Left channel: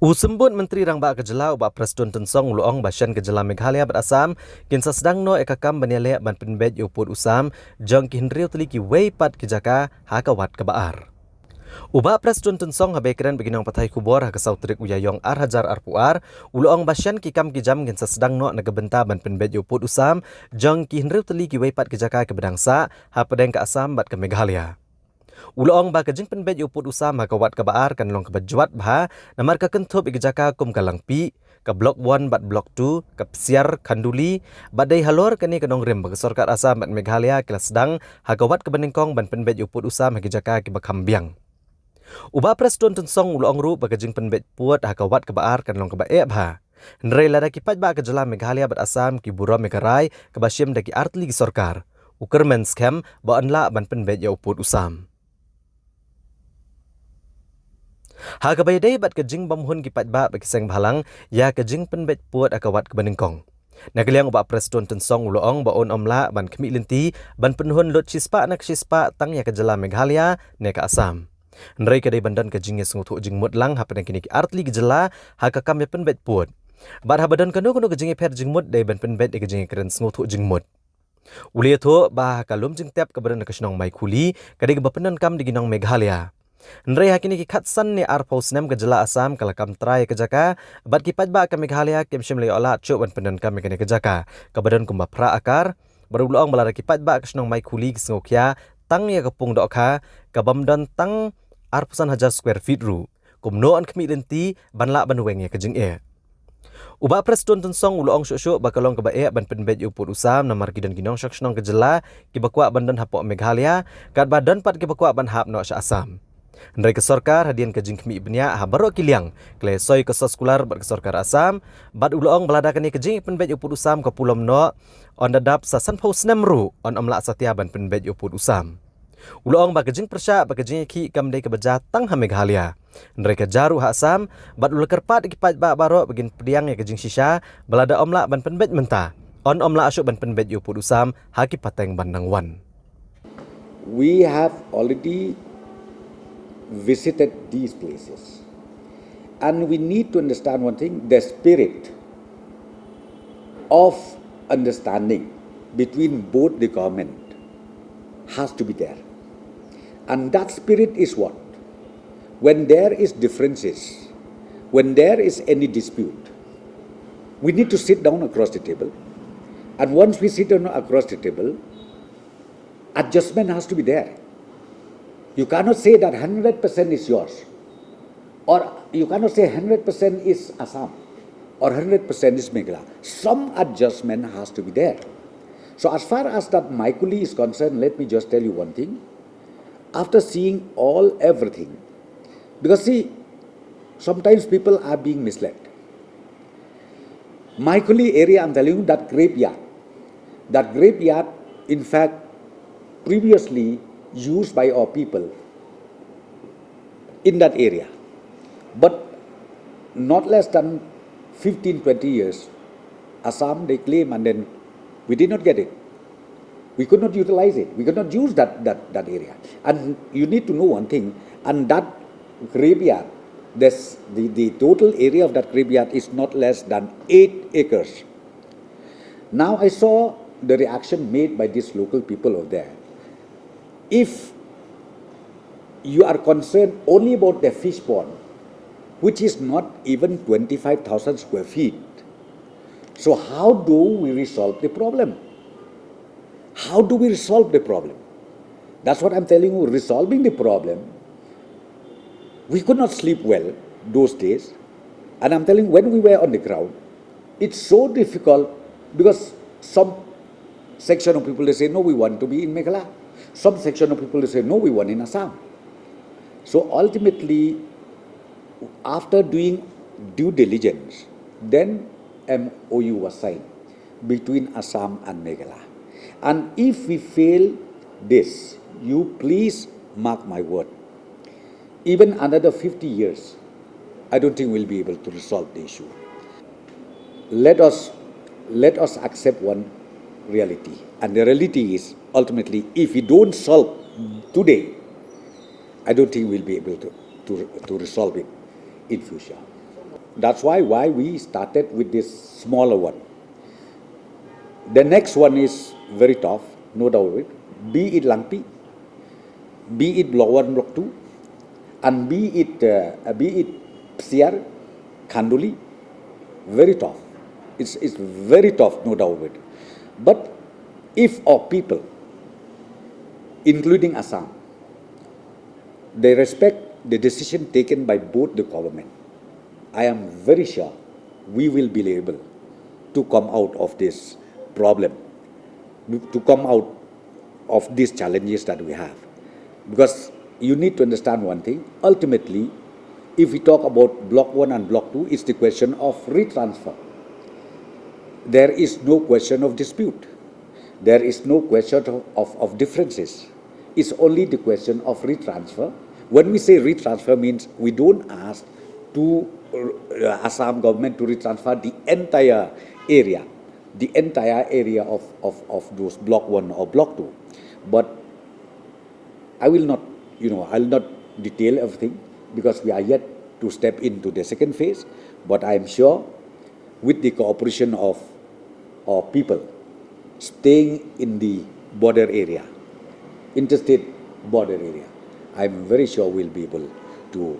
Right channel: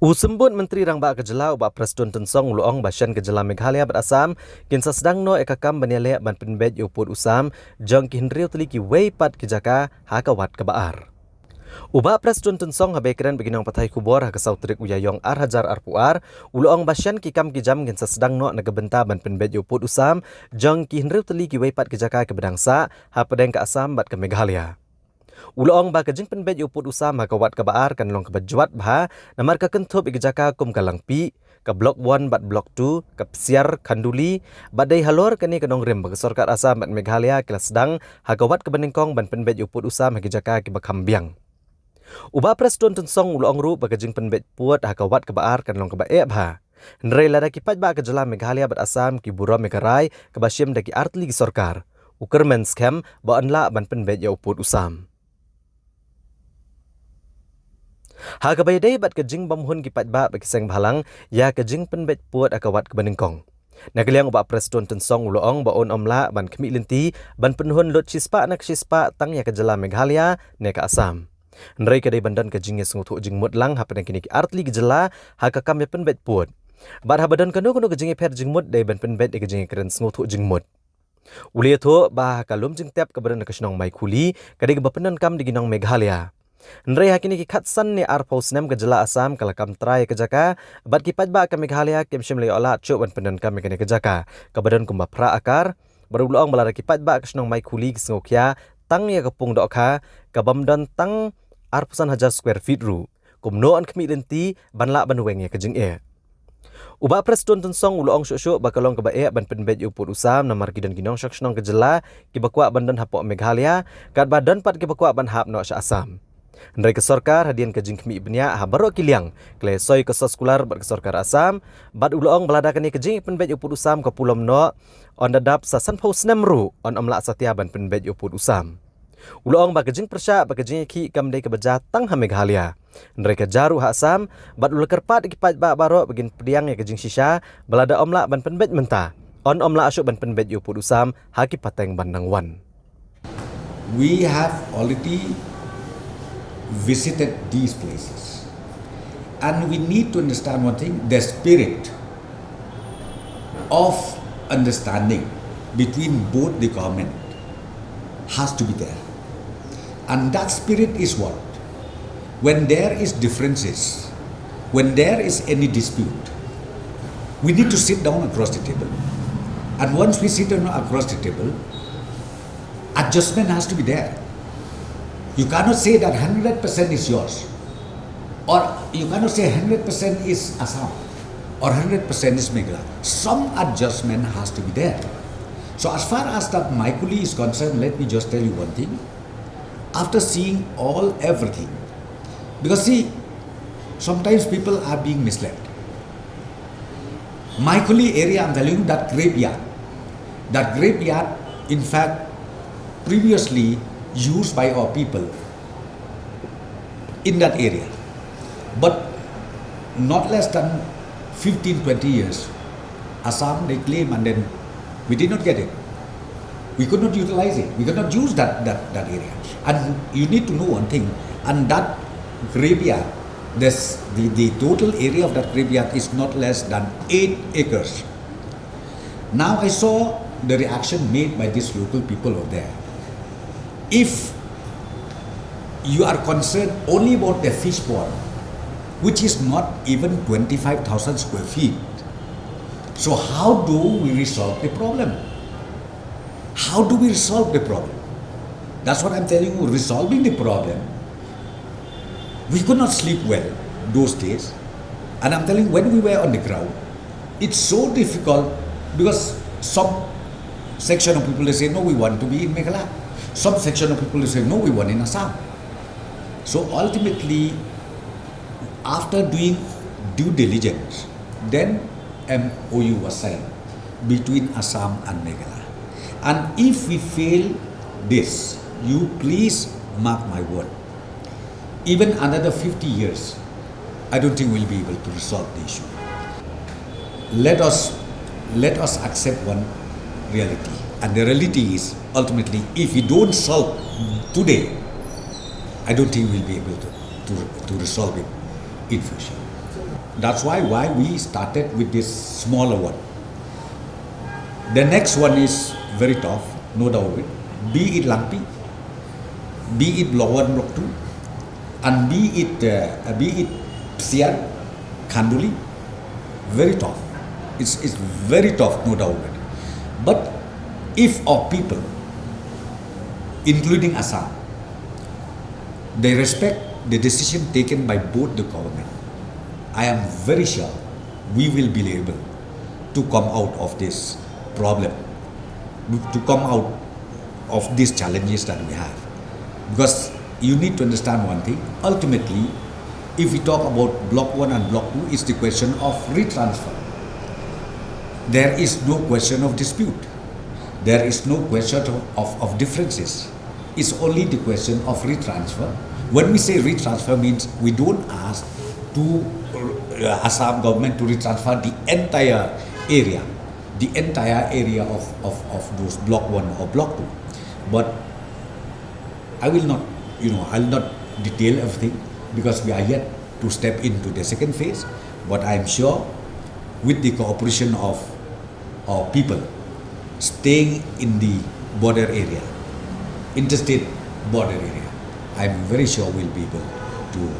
Usembut Menteri Rangba Kejela ubah Presiden Tensong Uluong Basyan Kejela Meghalaya Berasam kinsa sedang no ekakam baniale ban penbet uput usam jang kihinriu teliki weipat kijaka hakawat kebaar. Ubah Presiden Tensong habekren beginang patai kubor hakasau trik uyayong Hajar Arpuar Uluong Basyan kikam kijam kinsa sedang no nagebenta ban penbet uput usam jang kihinriu teliki weipat kijaka ke bedangsa hapadeng ke asam bat ke Meghalaya. Uloong ba kajing penbet uput usam hakawat kebaar kan long kebajuat bah namar ka kentup igejaka kum kalangpi ke blok 1 bat blok 2 ke pesiar kanduli badai halor kani kanong rem bag sorkat asam bat Meghalaya kelas sedang hakawat ke beningkong ban penbet uput usam igejaka ke bakambiang. Uba Presiden Tensong uloong ru bagajing penbet puat hakawat kebaar kan long kebae bah. Nrai lada kipat ba Kejela Meghalaya bat asam ki buro Megarai ke basyem daki artli ki sorkar. Uker men scam ba anla ban penbet ya uput usam. Hagabayday bat kejing bamhun kipat ba bakiseng balang ya kejing penbet puat akawat ke beningkong. Nagaliang ubah Presiden Tensong uloong baon omla ban kemi linti ban penhun lot chispa nak chispa tang ya Kejela Meghalaya ne ka Asam. Nrai kadai bandan kejing ya sengutu jing mutlang hapen kini artli Kejela hakakam ya penbet puat. Bar habadan kanu kejing per jing mut dai ban penbet kejing keren sengutu jing mut. Uli itu bah kalum jing tiap kebadan kesenong mai kuli kadai kebapenan kam di ginong Meghalaya. Nrai hakini ki khatsan ni arpos nem Kejela Asam kalakam trai kejaka bat kipat ba ka Meghalaya kem shimle ola chu ban pendan kam kene kejaka kabadan kumba pra akar barulong balara kipat ba kesnong mai kuli kisngokya tang ya kapung dokha kabamdan tang arposan hajar square feet ru kumno an kemi lenti banla banweng ya kejing e. Uba Presiden Tensong uloong syuk bakalong kebae ban penbet uput usam namar kidan ginong syakšnong Kejela ki bakwa bandan hapok Meghalaya kat badan pat ki bakwa ban hap no sya Asam. Nrai ke sorkar hadian ke jingkmi ibnya habaro kiliang kle soy ke soskular bat ke sorkar Asam bat uloong beladakan ni kejing penbet uput usam ke pulom no on dadap sasan pos nemru on omla satya ban penbet uput usam. Uloong ba kejing persya ba kejing ki kamdai ke beja tang ha Meghalaya. Nrai ke jaru ha Asam bat ulker pat kipat ba baro begin pediang ya kejing shisha belada omla ban penbet menta on omla asyuk ban penbet uput usam haki pateng bandang wan. We have already visited these places, and we need to understand one thing: the spirit of understanding between both the government has to be there. And that spirit is what? When there is differences, when there is any dispute, we need to sit down across the table. And once we sit down across the table, adjustment has to be there. You cannot say that 100% is yours, or you cannot say 100% is Assam, or 100% is Meghalaya. Some adjustment has to be there. So as far as that Maikuli is concerned, let me just tell you one thing. After seeing everything, because see, sometimes people are being misled. Maikuli area, I'm telling you, that graveyard, in fact, previously used by our people in that area, but not less than 15-20 years, Assam they claim, and then we did not get it. We could not utilize it. We could not use that area. And you need to know one thing, and that graveyard, the total area of that graveyard is not less than 8 acres. Now I saw the reaction made by these local people over there. If you are concerned only about the fish pond, which is not even 25,000 square feet, so how do we resolve the problem? How do we resolve the problem? That's what I'm telling you, resolving the problem. We could not sleep well those days. And I'm telling you, when we were on the ground, it's so difficult because some section of people, they say, no, we want to be in Meghalaya. Some section of people, they say, no, we want in Assam. So ultimately, after doing due diligence, then MOU was signed between Assam and Meghalaya. And if we fail this, you please mark my word, even another 50 years, I don't think we'll be able to resolve the issue. Let us accept one reality. And the reality is, ultimately, if we don't solve today, I don't think we'll be able to resolve it in future. That's why we started with this smaller one. The next one is very tough, no doubt. Be it Langpi, be it Block 1, Block 2, and be it Psian, Khanduli, very tough. It's very tough, no doubt. But if our people, including Assam, they respect the decision taken by both the government, I am very sure we will be able to come out of this problem, to come out of these challenges that we have. Because you need to understand one thing, ultimately, if we talk about Block 1 and Block 2, it's the question of retransfer. There is no question of dispute. There is no question of differences. It's only the question of retransfer. When we say retransfer, means we don't ask to Assam government to retransfer the entire area of those Block 1 or Block 2. But I will not, I'll not detail everything because we are yet to step into the second phase. But I am sure with the cooperation of our people staying in the border area, interstate border area, I'm very sure we'll be able to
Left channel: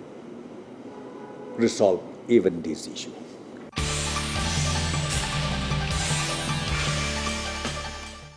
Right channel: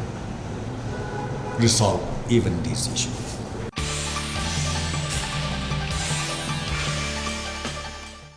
resolve even this issue.